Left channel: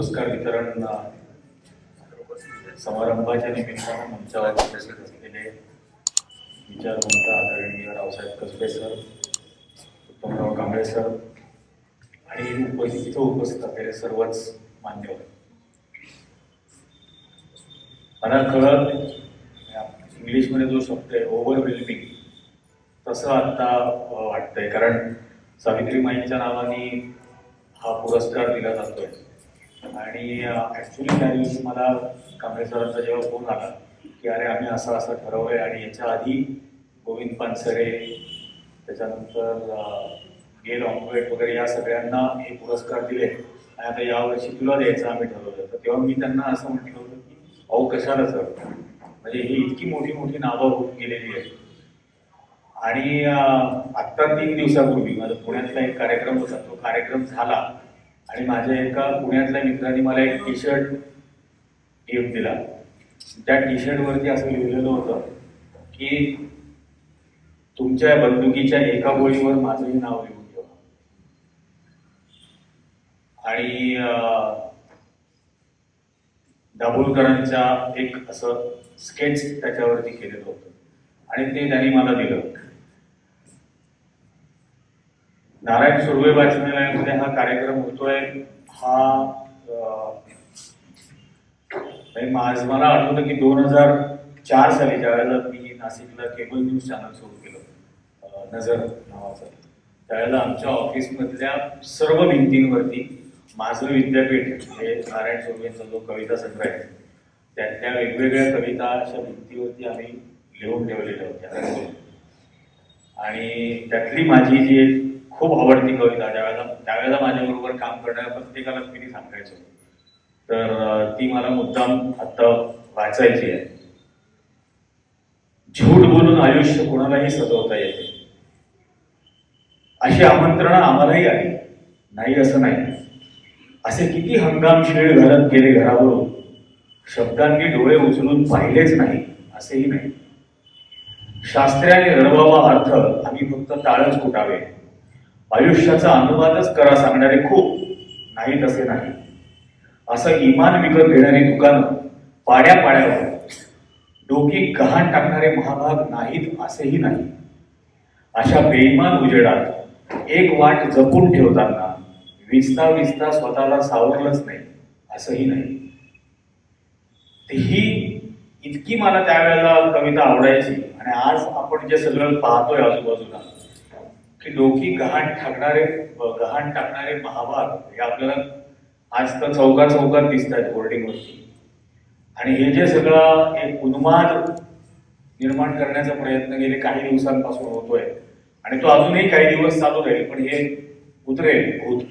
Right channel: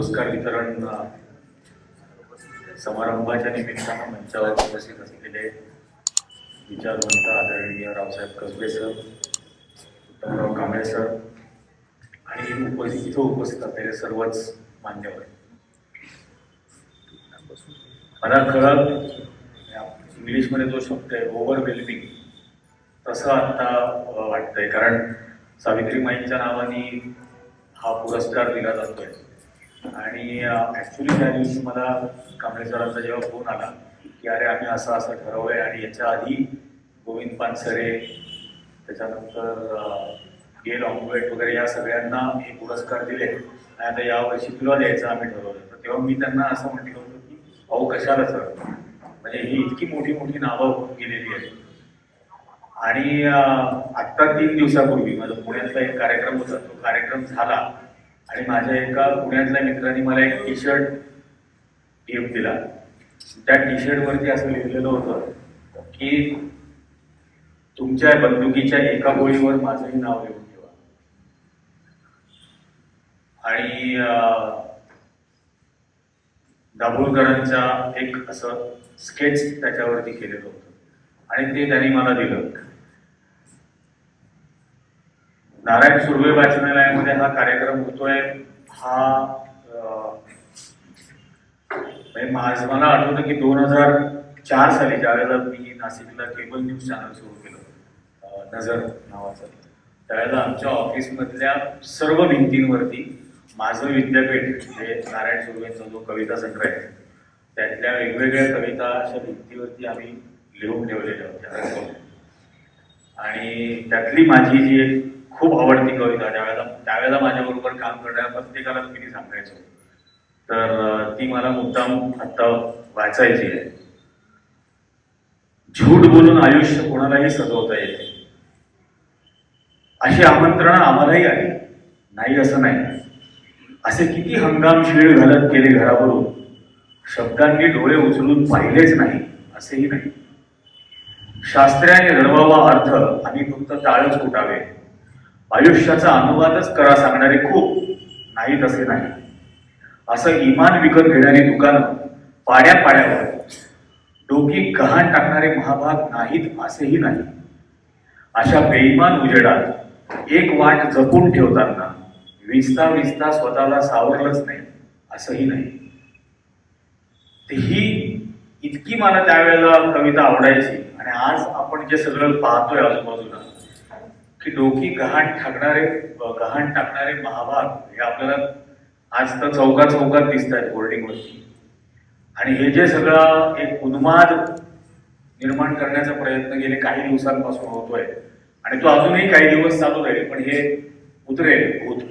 पुरस्कार वितरण समारंभाच्या निमित्तानं मंचावर उपस्थित असलेले विचारवंत आदरणीय रावसाहेब कसबे सर, उत्तमराव कांबळे सर आणि इथं उपस्थित असलेले सर्वच मान्यवर, मला कळत इंग्लिशमध्ये जो शब्द आहे ओव्हरवेल्मिंग तसं आता वाटतंय, कारण सावित्रीमाईंच्या नावाने हा पुरस्कार दिला जातोय. आणि ऍक्च्युली त्या दिवशी मला कांबळे सरांचा जेव्हा फोन आला की अरे आम्ही असं असं ठरवलंय आणि याच्या आधी गोविंद पानसरे, त्याच्यानंतर गेल ऑम्बेट वगैरे या सगळ्यांना हे पुरस्कार दिले आणि आता यावर्षी तुला द्यायचं आम्ही ठरवलं. तर तेव्हा मी त्यांना असं म्हटलं होतं की अहो कशाला सर, म्हणजे ही इतकी मोठी मोठी नावं होत गेलेली आहेत. आणि आत्ता 3 दिवसापूर्वी माझा पुण्यातला एक कार्यक्रम होता, तो कार्यक्रम झाला आणि माझ्या एका पुण्यातल्या मित्राने मला एक टी शर्ट गिफ्ट दिला. त्या टी शर्ट वरती असं लिहिलेलं होतं की तुमच्या बंदुकीच्या एका गोळीवर माझंही नाव लिहून ठेवा. आणि दाभोळकरांचा एक असं स्केच त्याच्यावरती केलेलं होतं आणि ते त्यांनी मला दिलं. नारायण सुर्वे वाचनालयामध्ये हा कार्यक्रम होतोय. हा मला आठवतं की 2004 साली ज्यावेळेला मी नाशिकला केबल न्यूज चॅनल सुरू केलं नजर नावाचं, त्यावेळेला आमच्या ऑफिसमधल्या सर्व भिंतींवरती माझं विद्यापीठ हे नारायण सुर्वेंचा जो कविता संग्रह आहे त्यातल्या वेगवेगळ्या कविता अशा भिंतीवरती आम्ही लिहून ठेवलेल्या होत्या. आणि त्यातली माझी जी एक खूप आवडती कविता त्यावेळेला माझ्याबरोबर काम करणाऱ्या प्रत्येकाला मी सांगायचो, तर ती मला मुद्दाम आता वाचायची आहे. झूट बोलून आयुष्य कोणालाही सजवता येते, अशी आमंत्रणं आम्हालाही आली नाही असं नाही. असे किती हंगाम शिळ घालत गेले घरावरून, शब्दांनी डोळे उचलून पाहिलेच नाही असेही नाही. शास्त्र्याने रडवावा अर्थ आम्ही फक्त टाळच फुटावे, आयुष्याचा अनुवादच करा सांगणारे खूप नाही तसे नाही. असं इमान विकत घेणारी दुकानं पाड्या पाड्यावर, डोकी गहाण टाकणारे महाभाग नाहीत असेही नाही. अशा बेईमान उजेडात एक वाट जपून ठेवताना विचता विचता स्वतःला सावरलंच नाही असंही नाही. ही इतकी मला त्यावेळेला कविता आवडायची. आणि आज आपण जे सगळं पाहतोय आजूबाजूला की डोकी गहाण टाकणारे महाभाग हे आपल्याला आज तर चौकात दिसत आहेत होर्डिंगवरती. आणि हे जे सगळं एक उन्माद निर्माण करण्याचा प्रयत्न गेले काही दिवसांपासून होतोय आणि तो अजूनही काही दिवस चालू राहील, पण हे उतरेल भूत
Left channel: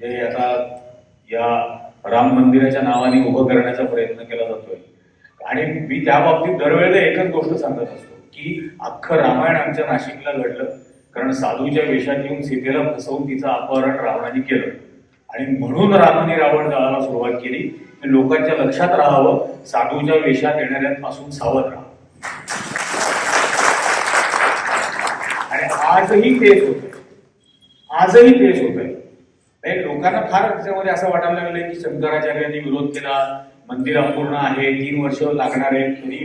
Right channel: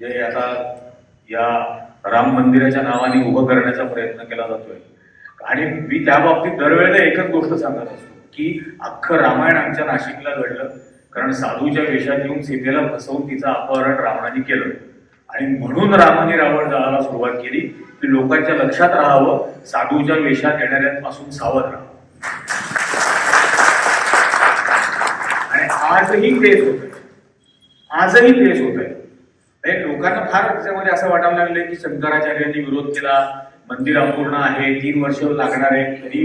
जे आता या राम मंदिराच्या नावाने उभं करण्याचा प्रयत्न केला जातोय. आणि मी त्या बाबतीत दरवेळेला एकच गोष्ट सांगत असतो की अख्खं रामायण आमच्या नाशिकला घडलं कारण साधूच्या वेशात येऊन सीतेला फसवून तिचं अपहरण रावणाने केलं. आणि म्हणून रामाने रावण दळाला सुरुवात केली की लोकांच्या लक्षात राहावं, साधूच्या वेशात येणाऱ्यांपासून सावध राहावं. आणि आजही तेच होतंय. लोकांना फार त्याच्यामध्ये असं वाटायला लागलंय की शंकराचार्यांनी विरोध केला, मंदिर अपूर्ण आहे, 3 वर्ष लागणार आहे, तरी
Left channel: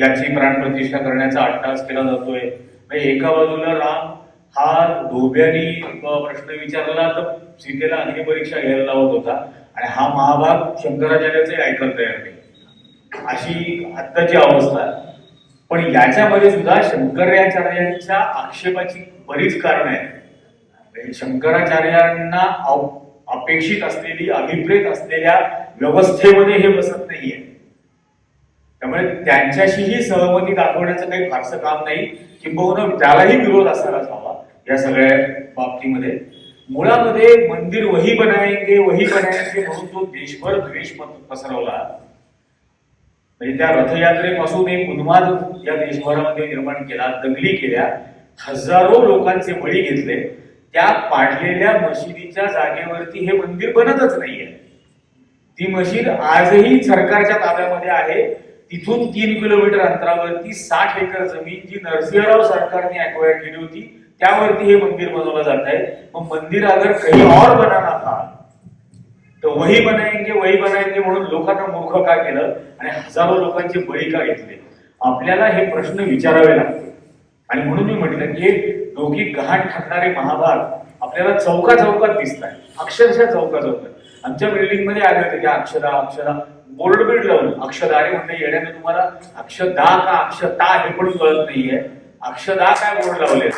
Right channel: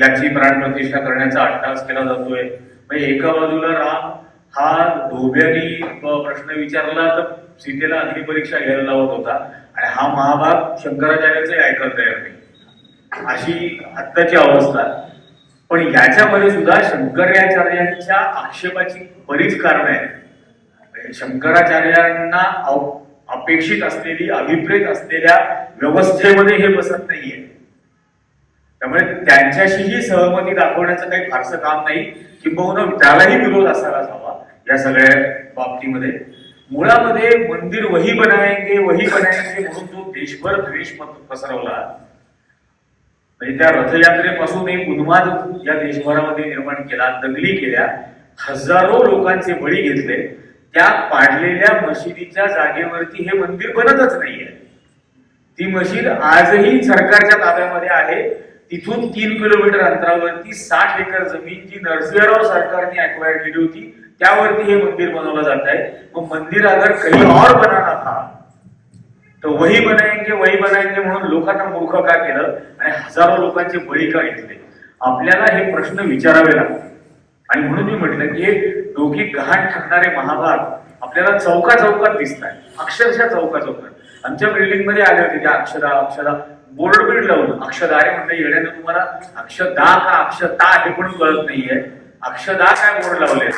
याची प्राणप्रतिष्ठा करण्याचा अट्टास केला जातोय. एका बाजूला राम हा धोब्यानी प्रश्न विचारला तर सीतेला अग्निपरीक्षा घ्यायला लावत होता आणि हा महाभाग शंकराचार्याचंही ऐकत तयार नाही, अशी आत्ताची अवस्था. पण याच्यामध्ये सुद्धा शंकराचार्यांच्या आक्षेपाची बरीच कारण आहेत. शंकराचार्यांना अपेक्षित असलेली अभिप्रेत असलेल्या व्यवस्थेमध्ये हे बसत नाहीये. त्यामुळे त्यांच्याशीही सहमती दाखवण्याचं काही फारसं काम नाही, किंबहुना त्यालाही विरोध असायलाच हवा. या सगळ्या बाबतीमध्ये मुळामध्ये मंदिर वही बनाएंगे म्हणून जो देशभर द्वेष पसरवला, म्हणजे त्या रथयात्रेपासून एक उन्माद या देशभरामध्ये निर्माण केला, दंगली केल्या, हजारो लोकांचे बळी घेतले. त्या पाडलेल्या मशिदीच्या जागेवरती हे मंदिर बनतच नाहीये. ती मशीद आजही सरकारच्या ताब्यामध्ये आहे. तिथून 3 किलोमीटर अंतरावरती 60 एकर जमीन जी नरसिंहराव सरकारने अक्वायर केली होती त्यावरती हे मंदिर बनवलं जात आहे. मग मंदिर अगर कहीं और बनाना था तर वही बनाएंगे म्हणून लोकांना मूर्ख का केलं आणि हजारो लोकांचे बळी का घेतले? आपल्याला हे प्रश्न विचारावे लागतील. आणि म्हणून मी म्हटलं की हे दोघी गहाण ठरणारे महाभाग आपल्याला चौका चौकात दिसत आहे, अक्षरशः चौका चौकात. आमच्या बिल्डिंग मध्ये आले होते त्या अक्षरा बोर्ड बिल्ड लावून अक्षदा. अरे म्हणलं येण्यानं तुम्हाला अक्षदा का अक्षता हे पण कळत नाहीये. अक्षदा काय बोर्ड लावले?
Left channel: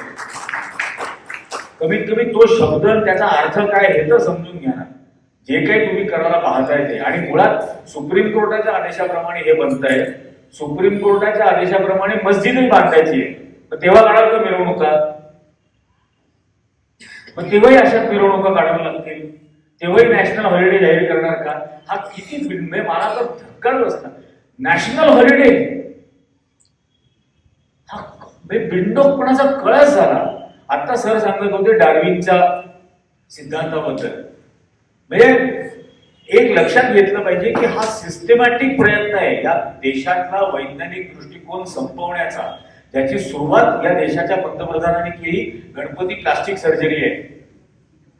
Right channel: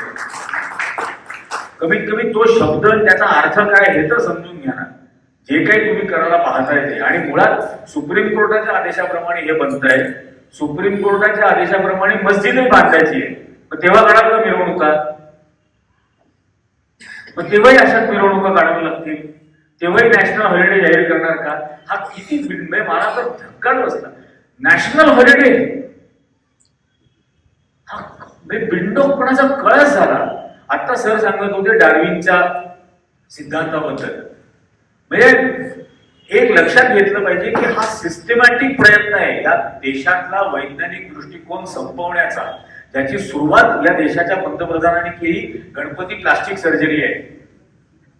कमीत कमी तो शब्द त्याचा अर्थ काय हे तर समजून घ्या ना. जे काही तुम्ही करायला पाहताय ते, आणि मुळात सुप्रीम कोर्टाच्या आदेशाप्रमाणे हे बनतंय. सुप्रीम कोर्टाच्या आदेशाप्रमाणे मस्जिदही बांधायची आहे. मग तेव्हा काढाल का मिरवणुका? मग तेव्हाही अशाच मिरवणुका काढाव्या लागतील, तेव्हाही नॅशनल हॉलिडे जाहीर करणार का? हा किती मला तर धक्काच बसला. नॅशनल हॉलिडे हा बिंडोकपणाचा कळस झाला. आता सर सांगत होते डार्विनच्या सिद्धांताबद्दल. म्हणजे एक लक्षात घेतलं पाहिजे की हा सिस्टमॅटिक प्रयत्न आहे या देशातला वैज्ञानिक दृष्टिकोन संपवण्याचा, ज्याची सुरुवात या देशाच्या पंतप्रधानांनी केली. गणपती प्लास्टिक सर्जरी आहे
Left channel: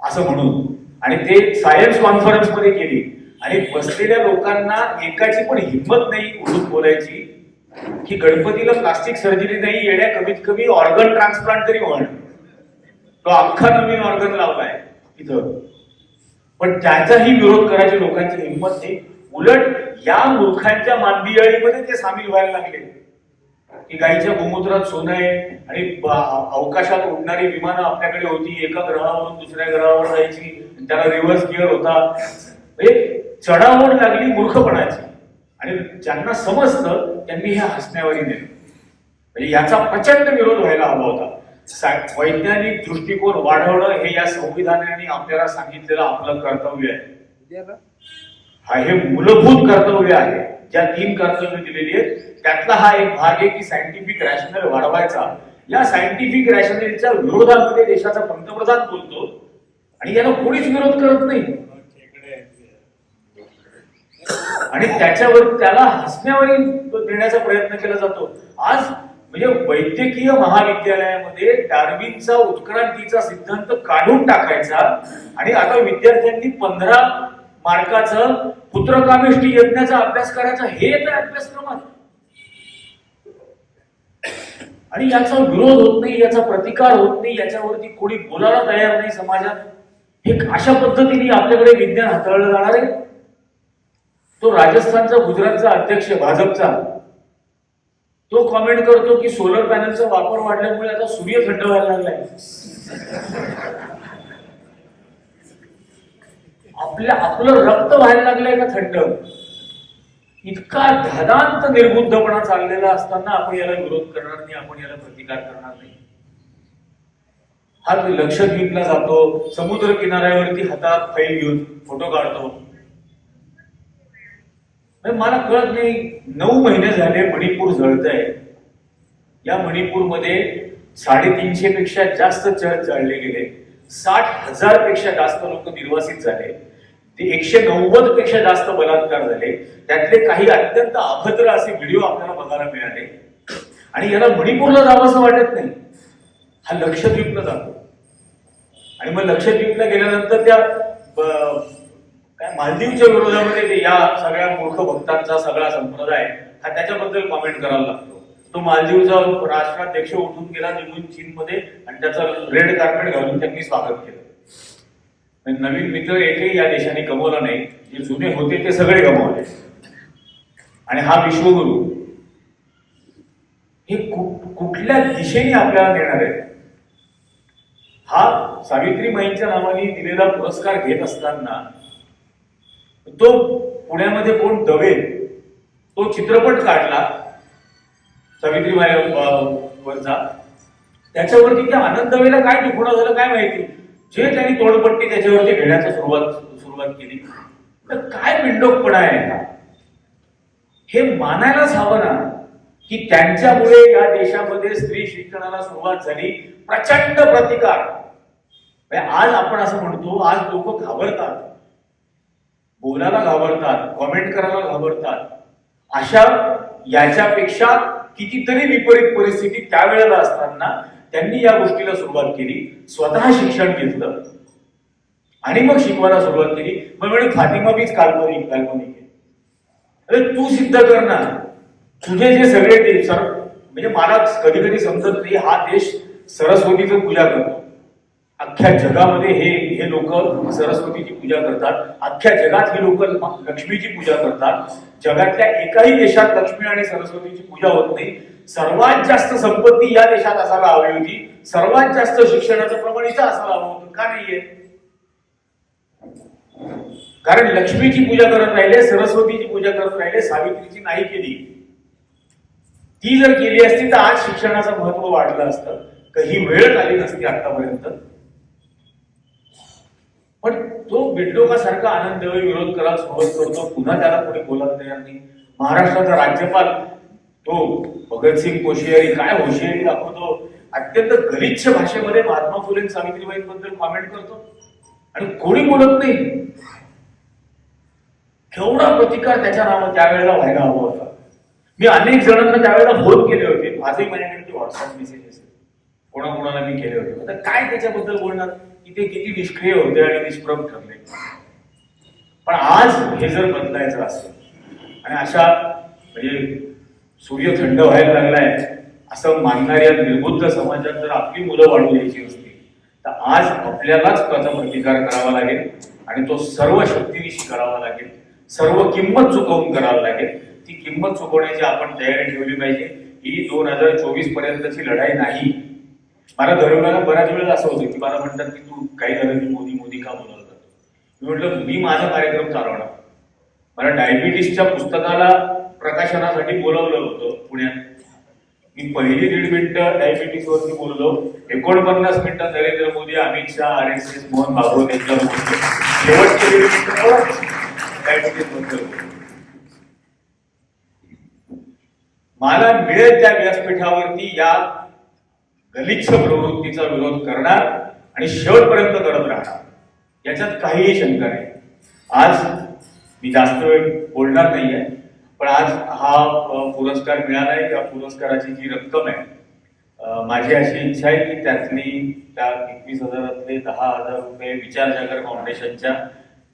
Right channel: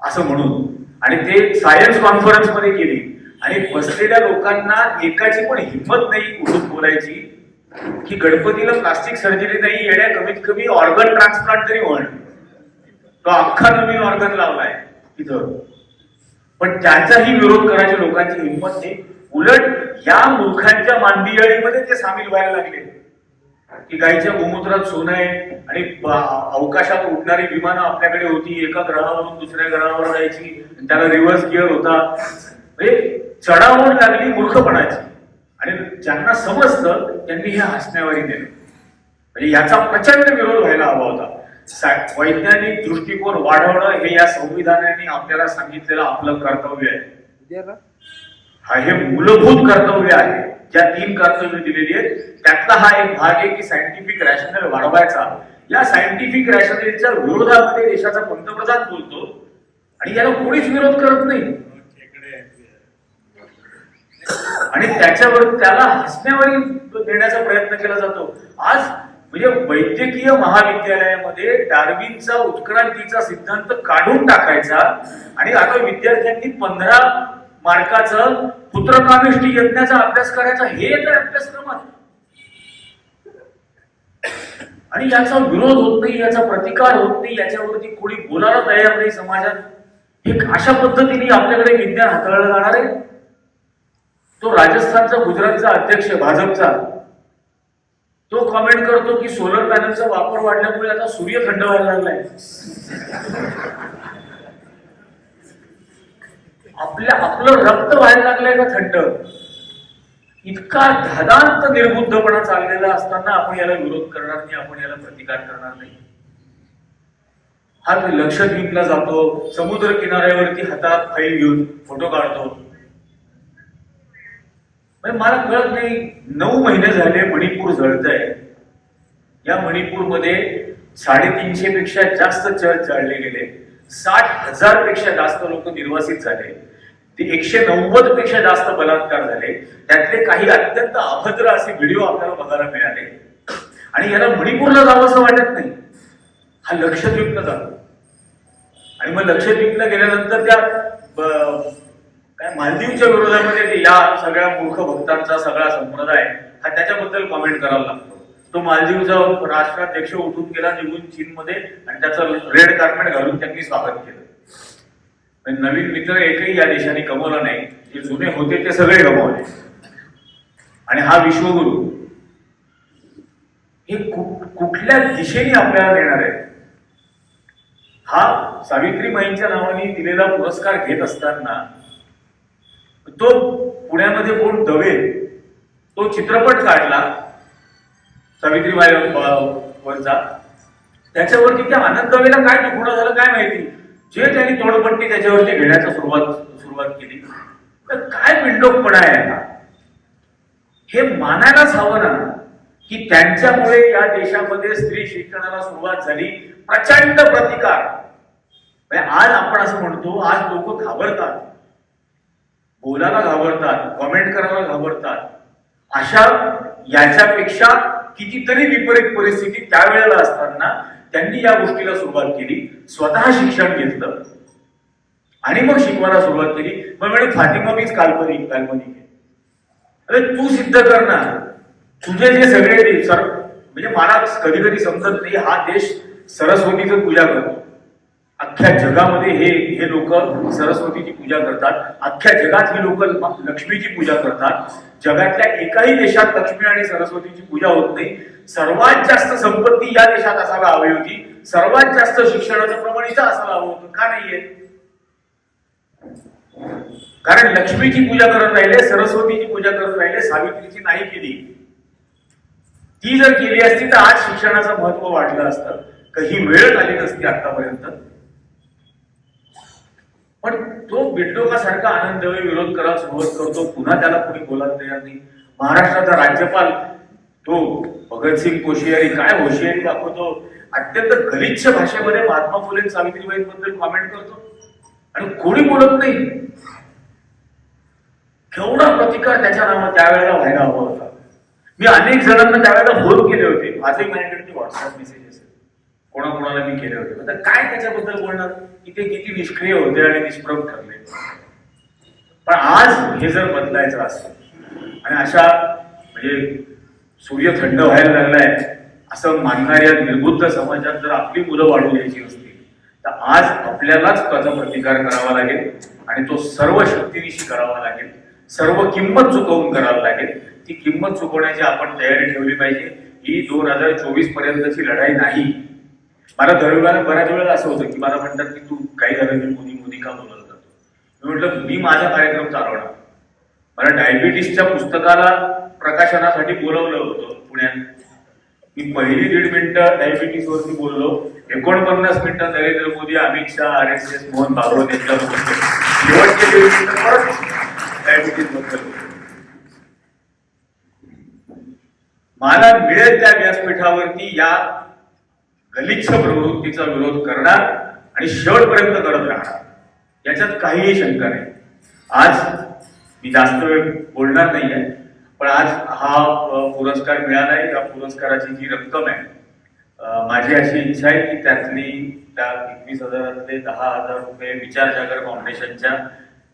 असं म्हणून, आणि ते सायन्स कॉन्फरन्स मध्ये केली. आणि बसलेल्या लोकांना एकाची पण हिंमत नाही उठून बोलायची की गणपतीला प्लास्टिक सर्जरी नाही, येण्या कमीत कमी ऑर्गन ट्रान्सप्लांट तरी म्हण. तो अख्खा नवीन ऑर्गन लावलाय तिथं. पण त्याचाही विरोध करायची लोकांची हिंमत नाही. उलट या मूर्खांच्या मांदियाळीमध्ये ते सामील व्हायला लागले की गाईच्या गोमूत्रात सोनं आहे आणि अवकाशात उडणारी विमानं आपल्याकडे होती, एका ग्रहावरून दुसऱ्या ग्रहावर जायची, त्याला रिव्हर्स गिअर होता. म्हणजे चढाओढ लागली मूर्खपणाची. आणि ज्यांना समजतं त्यांनी हे हसण्यावरी दिलं. म्हणजे याचा प्रचंड विरोध व्हायला हवा होता. वैज्ञानिक दृष्टिकोन वाढवणं हे या संविधानाने आपल्याला सांगितलेलं आपलं कर्तव्य आहे. हा हे मूलभूत कर्तव्य आहे. ज्या 3 कर्तव्य दिलेली आहेत त्यातला हा एक भाग आहे की सायंटिफिक रॅशनल वाढवायचा. या सायंटिफिक रॅशनलच्या विरोधामध्ये देशाचा पंतप्रधान बोलतो आणि याला कोणीच विरोध करत नाही. आणि त्याच्यावर त्याला हसण्यावरी देण्याचा प्रयत्न केला जातो. आज म्हणजे वैद्यकीय महाविद्यालयामध्ये डार्विनचा उत्क्रांतीचा सिद्धांत काढून टाकायचा आणि आता विद्यार्थ्यांनी 15 मार्काचं पुत्रकामेष्टी यज्ञाचा अभ्यास करायचा, हे येतं अभ्यासक्रमात. आणि याचा विरोध होत नाही, याचा प्रतिकार होत नाही, याच्यावरती कोणी बोलायला तयार नाही समाजात. हे अशा पद्धतीने आपल्याकडे विज्ञान हाताळलं जाणार आहे. तो राजस्थानचा गुजरातचा अध्यक्ष भाजपचा तो कमेंट करतो की सोलर पॅनलचा वापर वाढल्यामुळे आता सूर्य थंड व्हायला लागलाय. आपलं रक्त व्हायला लागलंय का थंड? इतका धादांत निर्बुद्धपणा चाललेला असताना आपण याला विरोध करणार नाही, आपण याला प्रतिकार करणार नाही. हा लक्षद्वीपला जातो, समुद्र किनाऱ्यावरती हातात फाईल घेऊन फोटो काढतो. मला कळत नाही, 9 महिने झाले मणिपूर जळतंय. या मणिपूरमध्ये 350 पेक्षा जास्त चर्च जाळले गेले, 60,000 पेक्षा जास्त लोक निर्वासित झाले, ते 190 पेक्षा जास्त बलात्कार झाले. त्यातले काही अत्यंत अभद्र असे व्हिडिओ आपल्याला बघायला मिळाले. आणि याला मणिपूरला जावं असं वाटत नाही. हा लक्षद्वीपला जातो. आणि मग लक्षद्वीपला गेल्यानंतर त्या काय मालदीवच्या विरोधामध्ये या सगळ्या मूर्ख भक्तांचा सगळा संप्रदाय हा त्याच्याबद्दल कॉमेंट करावा लागतो. तो मालदीवचा राष्ट्राध्यक्ष उठून गेला निघून चीनमध्ये आणि त्याचं रेड कार्पेट घालून त्यांनी स्वागत केलं. नवीन मित्र एकही या देशाने गमवला नाही. जे जुने होते ते सगळे गमावले. आणि हा विश्वगुरु हे कुठल्या दिशेने आपल्याला देणार आहे? हा सावित्रीबाईंच्या नावाने दिलेला पुरस्कार घेत असताना तो पुण्यामध्ये कोण दवे तो चित्रपट काढला सावित्रीबाई वरचा, त्याच्यावरती त्या आनंद दवेला काय दुखणं झालं काय माहिती, जे त्यांनी तोडपट्टी त्याच्यावरती घेण्याचा सुरुवात केली. तर काय बिंडोकपणा आहे हा? हे मानायलाच हवं ना की त्यांच्यामुळे या देशामध्ये स्त्री शिक्षणाला सुरुवात झाली. प्रचंड प्रतिकार. आज आपण असं म्हणतो, आज लोक घाबरतात, बोलायला घाबरतात, कॉमेंट करायला घाबरतात. अशा याच्यापेक्षा कितीतरी विपरीत परिस्थिती त्यावेळेला असताना त्यांनी या गोष्टीला सुरुवात केली. स्वतः शिक्षण घेतलं आणि मग शिकवायला सुरुवात केली. मग म्हणजे फातिमा बीच काल्पनिक काल्पनिक आहे. अरे तू सिद्ध कर ना. तुझे जे सगळे देश म्हणजे मला कधी कधी समजत नाही, हा देश सरस्वतीचं पूजा करतो. अख्ख्या जगामध्ये हे लोक सरस्वतीची पूजा करतात. अख्ख्या जगात ही लोक लक्ष्मीची पूजा करतात. जगातल्या एकाही देशात लक्ष्मी आणि सरस्वतीची पूजा होत नाही. सर्वात जास्त संपत्ती या देशात असायला हवी होती. सर्वात जास्त शिक्षणाचं प्रमाण इथं असायला हवं होतं. का नाहीये? कारण लक्ष्मीची पूजा करत राहिले, सरस्वतीची पूजा करत राहिले, सावित्रीची नाही केली. ती जर केली असती तर आज शिक्षणाचं महत्व वाढलं असतं. काही वेळ आली नसती आतापर्यंत. पण तो बिडलोकासारखा आनंद विरोध करायला सुरुवात करतो. पुन्हा त्याला कोणी बोलायला तयार नाही. महाराष्ट्राचा राज्यपाल तो भगतसिंग कोश्यारी काय होशियारी दाखवतो. अत्यंत गलिच्छ भाषेमध्ये महात्मा फुले सावित्रीबाईंबद्दल कॉमेंट करतो आणि कोणी बोलत नाही. केवढा प्रतिकार त्याच्या नावात त्यावेळेला व्हायला हवा होता. मी अनेक जणांना त्यावेळेला फोन केले होते. माझे माझ्याकडे व्हॉट्सअप मेसेज असेल, कोणाकोणाला मी केले होते. आता काय त्याच्याबद्दल बोलणार की ते किती निष्क्रिय होते आणि निष्प्रभ ठरले. पण आज हे जर बदलायचं असेल आणि अशा म्हणजे सूर्य थंड व्हायला लागलाय असं मानणाऱ्या निर्बुद्ध समाजात जर आपली मुलं वाढू द्यायची असतील तर आज आपल्यालाच त्याचा प्रतिकार करावा लागेल आणि तो सर्व शक्तीनिशी करावा लागेल. सर्व किंमत चुकवून करावी लागेल. ती किंमत चुकवण्याची आपण तयारी ठेवली पाहिजे. ही 2024 पर्यंतची लढाई नाही. मला दरवेळेला बऱ्याच वेळेला असं होतं की मला म्हणतात की तू काही झालं की मोदी मोदी का बोलत जातो. मी म्हटलं मी माझा कार्यक्रम चालवणार. मला डायबिटीसच्या पुस्तकाला प्रकाशनासाठी बोलवलं होतं पुण्यात. मी पहिली 1.5 मिनिटं डायबिटीस वरती बोललो. 49 मिनिटं नरेंद्र मोदी, अमित शहा, RSS, मोहन भागवत यांच्यावर बोललो. शेवटचे 1.5 मिनिटं पण डायबिटीस बद्दल. मला मिळेल त्या व्यासपीठावरती या गलिच्छ प्रवृत्तीचा विरोध करणार आणि शेवटपर्यंत करत राहणार. याच्यात काहीही शंका नाही. आज मी जास्त वेळ बोलणार नाहीये, पण आज हा पुरस्कार मिळालाय. या पुरस्काराची जी रक्कम आहे, माझी अशी इच्छा आहे की त्यातली त्या 21,000 10,000 रुपये विचार जागर फाउंडेशनच्या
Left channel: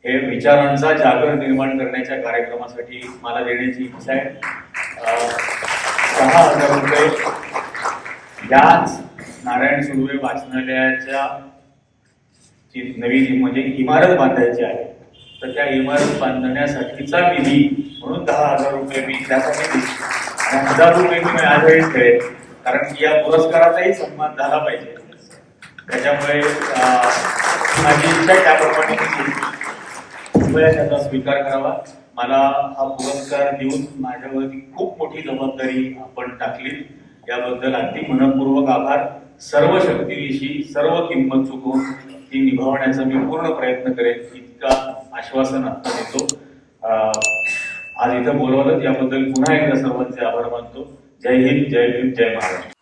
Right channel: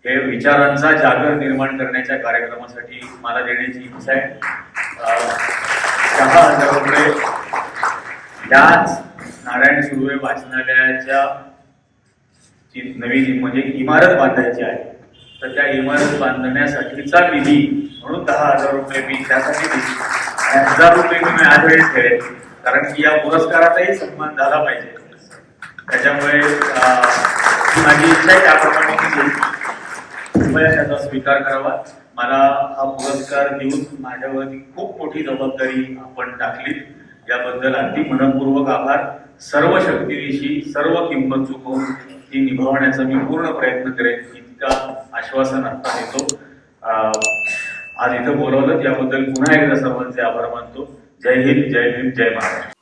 हे विचारांचा जागर निर्माण करण्याच्या कार्यक्रमासाठी मला देण्याची इच्छा आहे. 10,000 रुपये याच नारायण सुर्वे वाचनालयाच्या जी नवीन म्हणजे इमारत बांधायची आहे, तर त्या इमारत बांधण्यासाठीचा निधी म्हणून 10,000 रुपये मी त्यासाठी दिले आणि 1,000 रुपये मी यावेळेस ठेवेल. कारण की या पुरस्काराचाही सन्मान झाला पाहिजे. त्याच्यामुळे माझी इच्छा आहे त्याप्रमाणे त्याचा स्वीकार करावा. मला हा पुरस्कार देऊन माझ्यावरती खूप मोठी जबाबदारी आपण टाकली. याबद्दल अगदी मनपूर्वक आभार. सर्व शक्तीनिशी सर्व किंमत चुकवून ती निभावण्याचा मी पूर्ण प्रयत्न करेन इतका आश्वासन आता देतो. आज इथं बोलवलं याबद्दल पुन्हा एकदा सर्वांचे आभार मानतो. जय हिंद, जय भीम, जय महाराष्ट्र.